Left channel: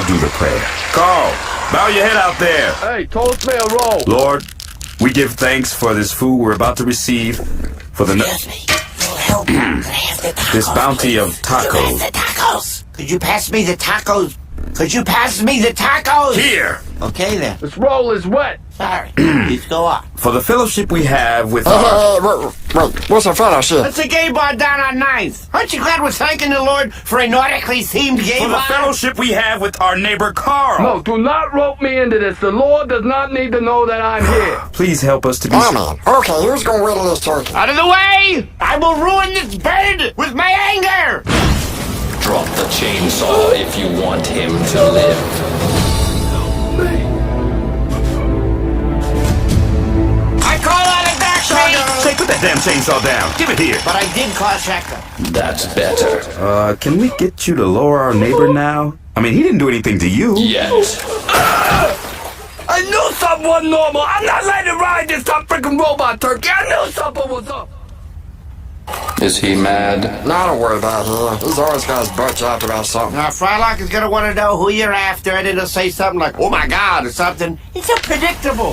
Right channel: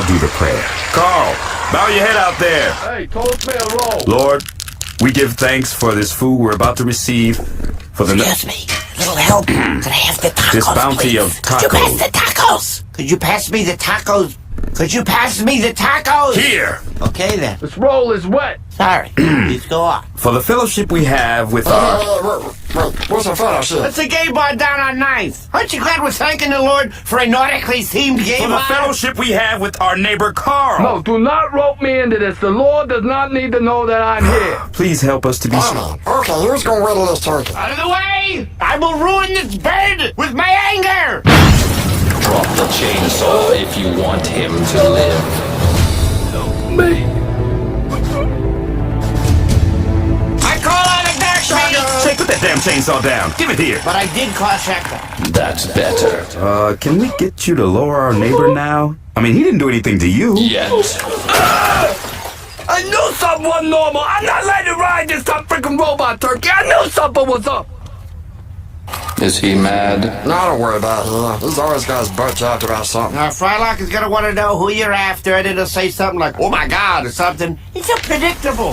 I'll do the prayer. Carl, bow your head out there. Hey, toss me a roll. Lord, we give thanks for this food we're about to receive, for the Excuse me. Little help. Could I have the tacos, this bounty please? of Could you tacos. pass the tacos? Could you pass me the tacos? Could you pass me the tacos? Here, Okay, then. This roll is wet. Sorry. Please go on. for the fellowship we have with our... Wait, what's a fellowship? It's a gay bar down on 9th. Aren't you glad we're thanking the Lord for a nautically themed gay For the bar? fellowship we have with our neighbor Carl. No, do not rope me into this. The Lord does not need to know that I'm here. Please help us to be... Oh, man. Okay, who's gonna wait in this turkey? Out of the way! I will ruin this bird with my anger! Drop the chainsaw if you want him to live. I call on the back, Say, put that damn chainsaw down. Give it here. But I did call Shaka. That's better. Can we get you to lower our neighbor now? I mean, he didn't do anything to you. Yet. I knew something wasn't normal. I'm not letting it ride this top freaking robot turkey. I knew something was up. Is he mad? Nah, don't worry about him. He's always got his butt chopped about something. Now, Frylock is gonna want to know who you're after, and it'll say something like, oh my God, or something. It's so predictable.